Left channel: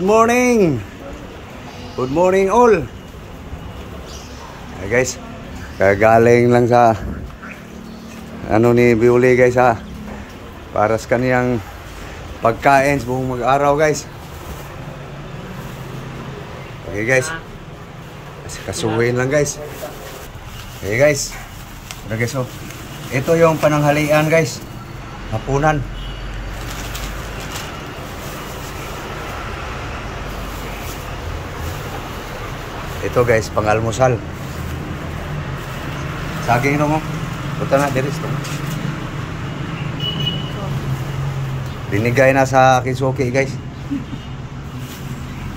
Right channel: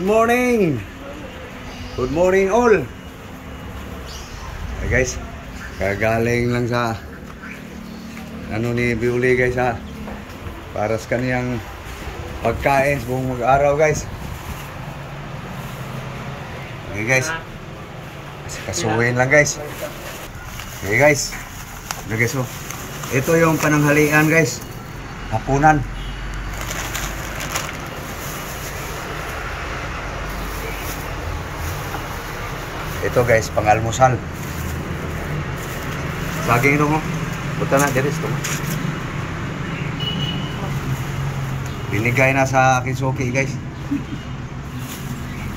Good morning! Good morning all! Hey guys, kagaling lang sa ni Biuli guys ha, para sa kaniyang pagkain buong mag-araw guys. Okay guys, kasuhin lang guys. Okay guys, so ito yung pananghalian guys, hapunan. Ito guys, pang-almusal. Saging ito mo. Buta na, diris ito mo. Binigay na sa Kisuki guys.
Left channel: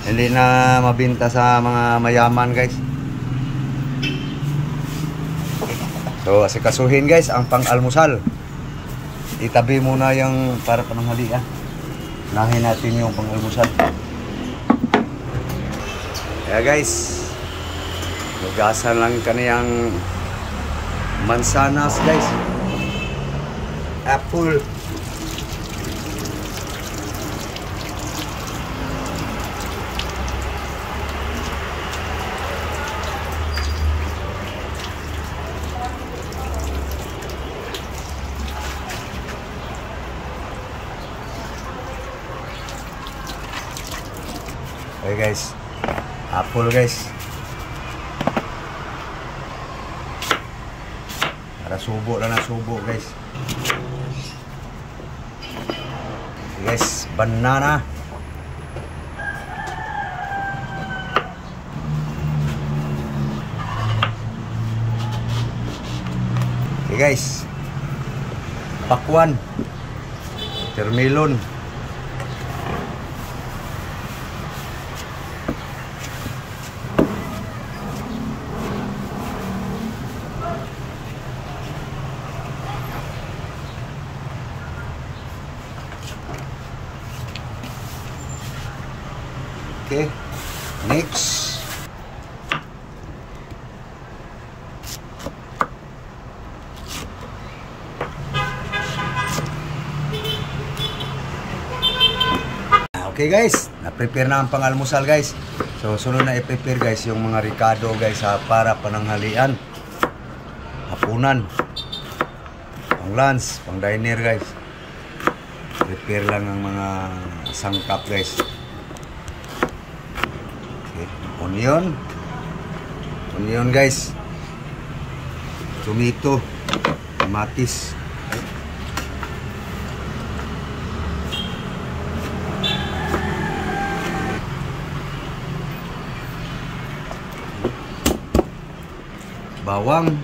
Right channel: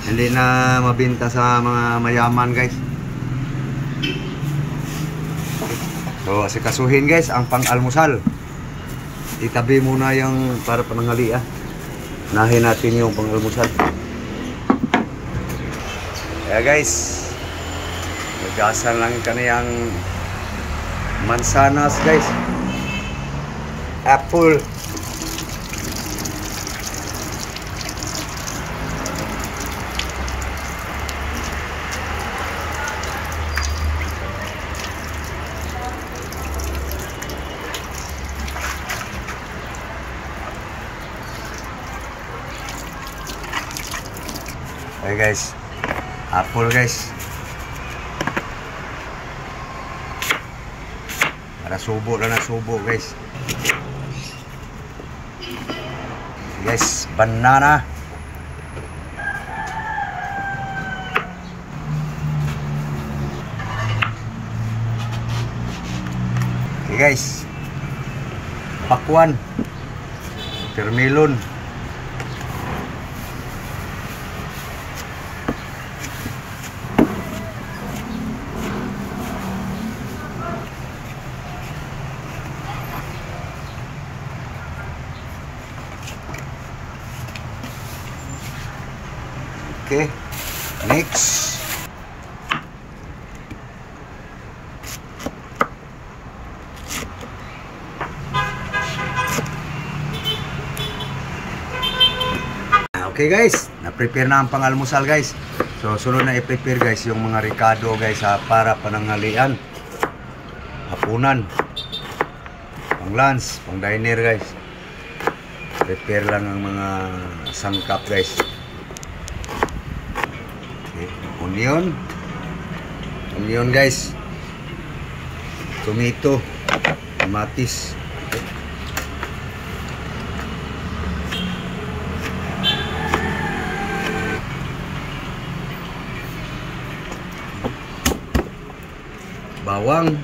Hindi na mabinta sa mga mayaman guys. So, asikasuhin guys, ang pang-almusal. Itabi muna yung para pananghalian. Nahin natin yung pang-almusal. Kaya guys, nugasan lang kaniyang mansanas guys, apple, okay guys, apple guys. Subo lang na subo guys. Guys, banana. Okay guys, pakwan, termelon, okay, next. Okay guys, na-prepare na ang pang-almusal guys. So sunod na i-prepare guys yung mga ricado guys para pananghalian, hapunan, pang lunch, pang diner guys. Prepare lang ang mga sangkap guys. Onion guys, tomato, kamatis, bawang,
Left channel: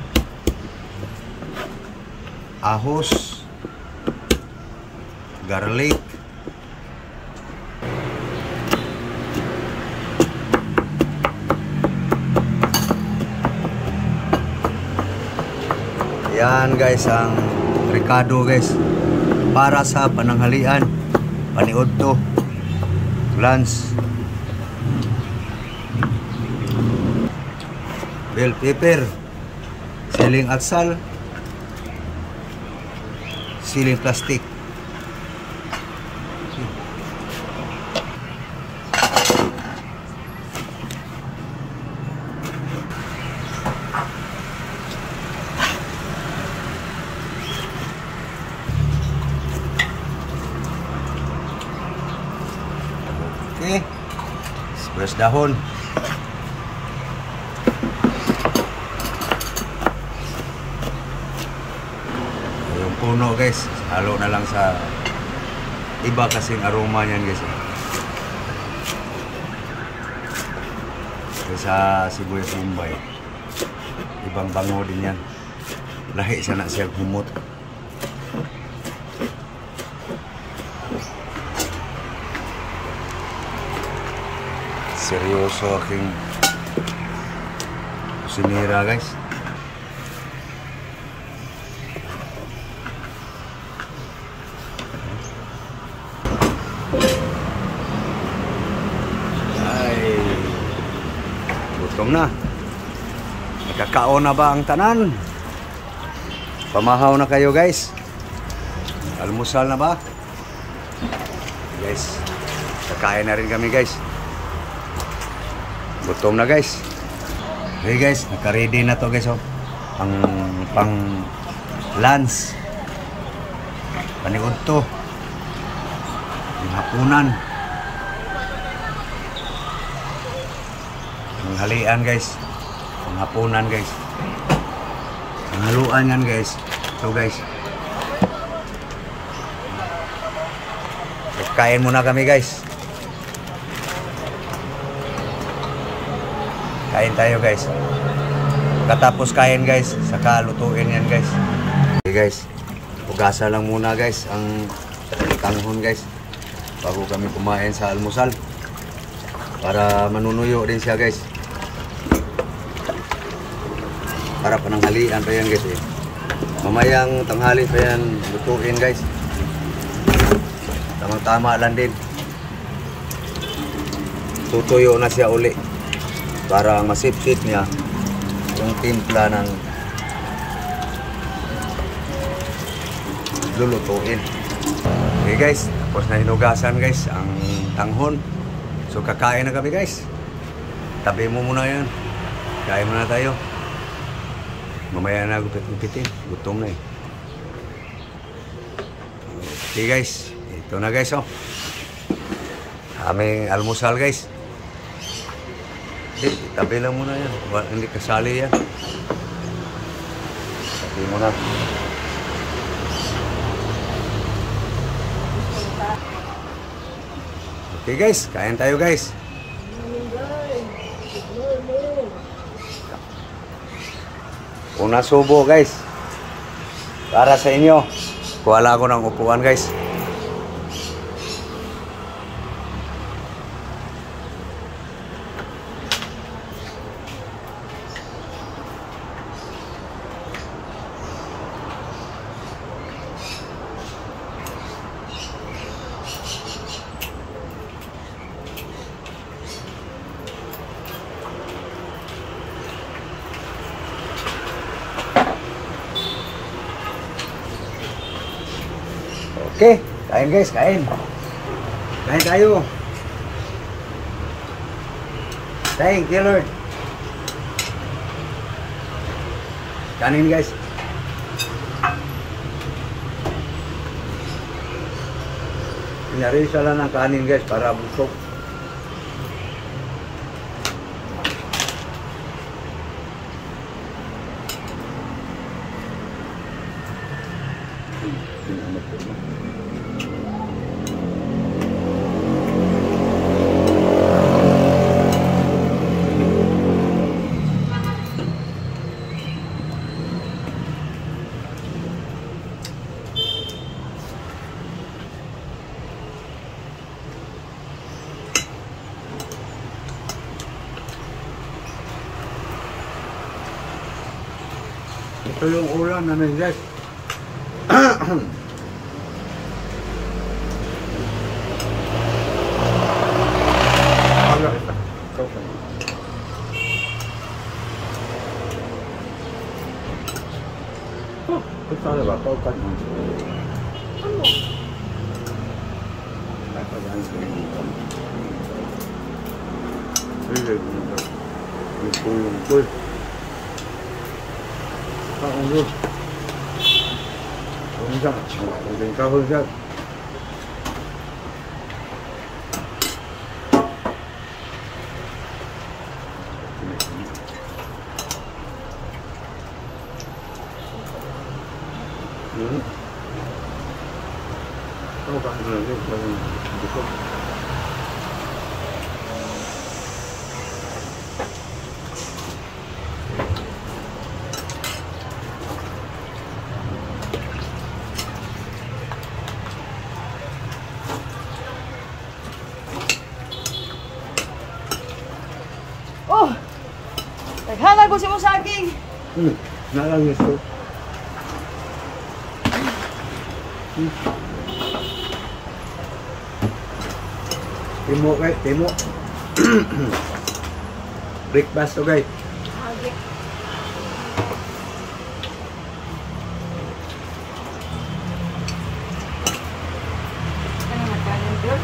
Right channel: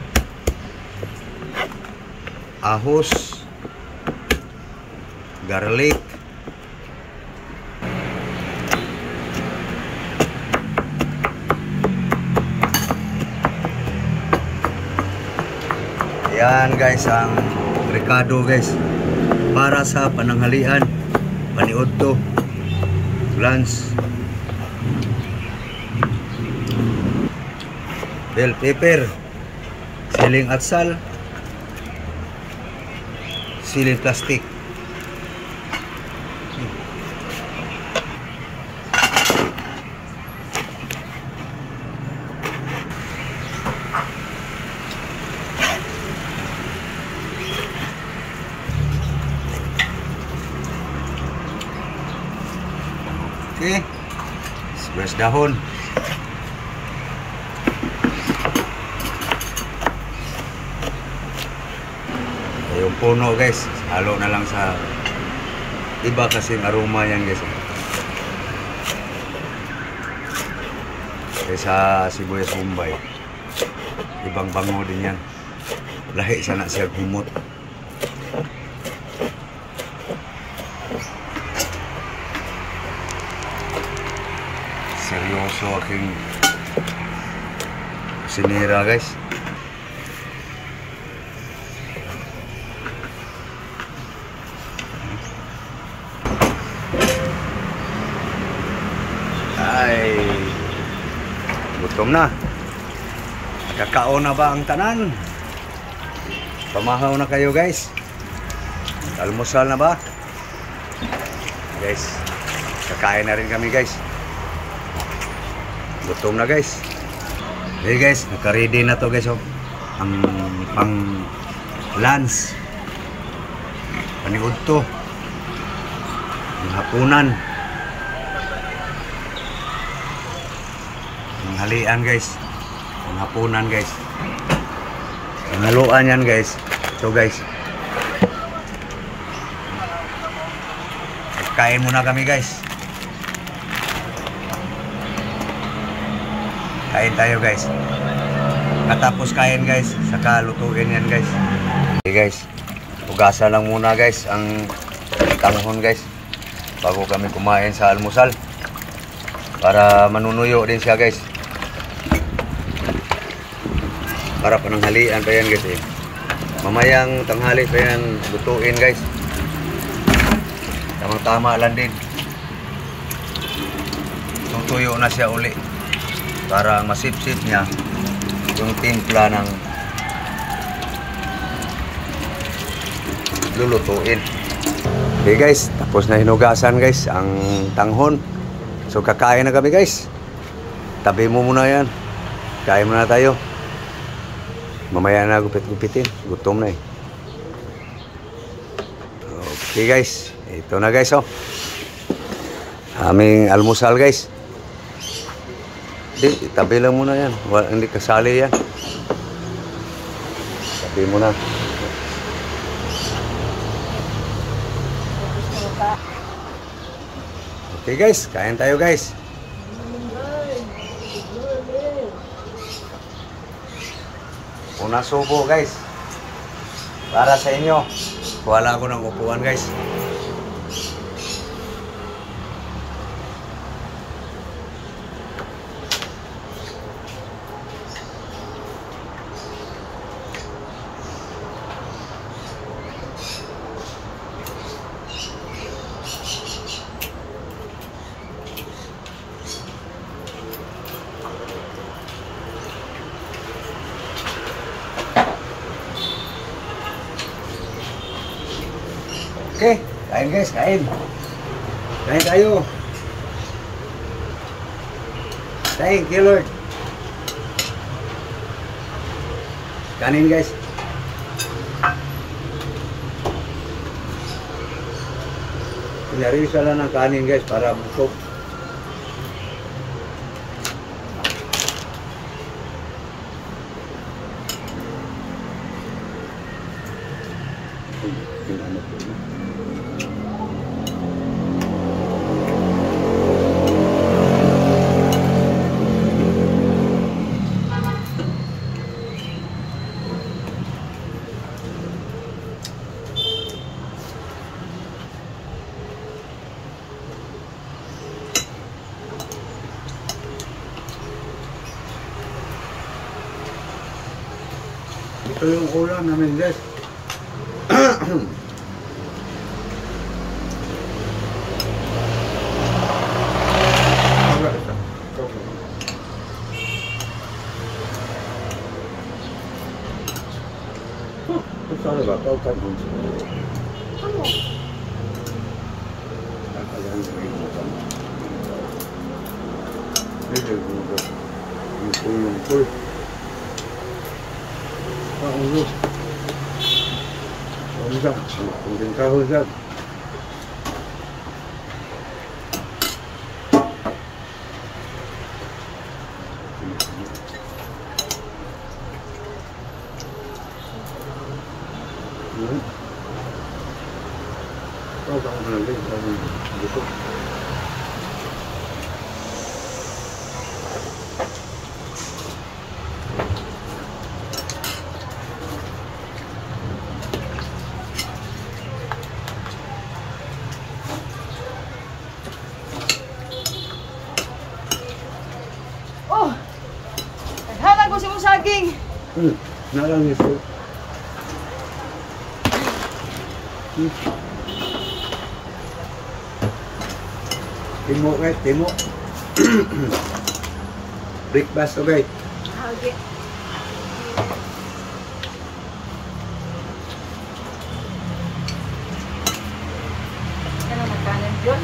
ahos, garlic, yan guys ang ricado guys para sa pananghalian, paniudto, lunch. Bell pepper, siling atsal, siling plastic. Okay, sibuyas dahon, yung puno guys, halo na lang sa iba kasing aroma yan guys. Kaysa sibuyas Bombay, ibang bango din yan, lahi sana siya himot. Seryoso aking kusinera guys. Ay, gutom na. Nakakaon na ba ang tanan? Pamahaw na kayo guys. Almusal na ba? Guys, kakain na rin kami guys. gutom na guys. Okay guys, naka-ready na to guys. Oh. Ang pang lunch. Paniud to. Ang hapunan. Ang halian guys. Ang hapunan guys. Ang haluan yan guys. Ito guys. Kain muna kami guys. Kain tayo guys. Pagkatapos kain guys, saka lutuin yan guys. Okay guys, ugasan lang muna guys ang tanghon guys bago kami kumain sa almusal para manunuyo din siya guys. Para pananghalian pa yan guys eh. Mamayang tanghali pa yan lutuin guys. Tamang tama lang din. Tutuyo na siya uli para masipsip niya yung timpla ng lulutuin. Okay guys, tapos na hinugasan guys ang tanghon. So kakain na kami guys. Tabi mo muna yan. Kain muna tayo. Mamaya na gupit-gupitin. Gutom na eh. Okay guys, ito na guys oh. Aming almusal guys. Di, itabi lang muna yan. Hindi kasali yan. Tabi mo na. Okay guys, kain tayo guys. Una subo guys. Para sa inyo. Kuwala ko ng upuan guys. Okay, kain guys, kain. Kain tayo. Thank you Lord. Kanin guys. Pinarisa lang ng kanin guys para busog. Ito yung ulam namin guys. Agak ito. Kau kayo. Oh, basta ba? Kau kayo mo. Ano? Katagan sa inyo kami. Lungkol. Ang ulo. Ang isa. Ang tingkawal siya. Ito ka na natin sa busok. Naghanap ko sa mong saging. Nalang ito. Timo guys, timo. Breakfast to guys. Hagi. Ano nagkanan dyan?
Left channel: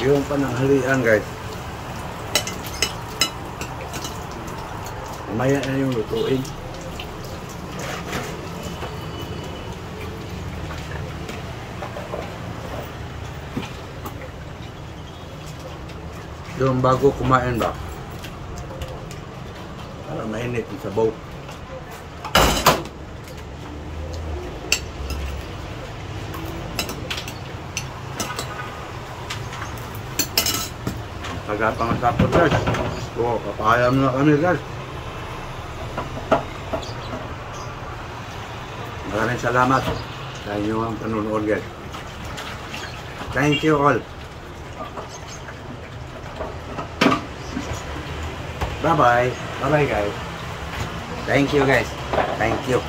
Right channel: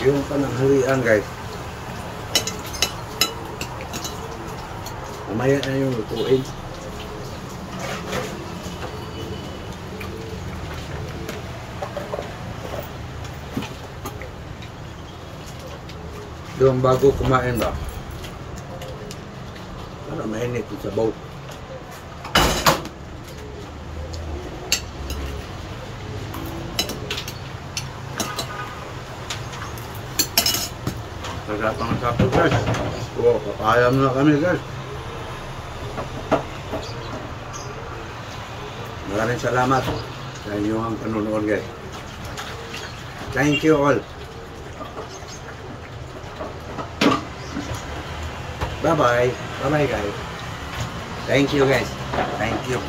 Yung pananghalian guys. Mamaya na yung lutuin. Yung bago kumain ba? Para mainit yung sabaw. Pagkapangasapot guys. So, papayam na kami guys. Maraming salamat sa inyong panonood guys. Thank you all. Bye-bye. Bye-bye guys. Thank you guys. Thank you.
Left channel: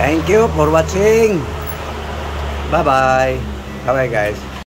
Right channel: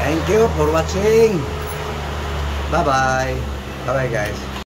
Thank you for watching. Bye-bye. Bye-bye guys.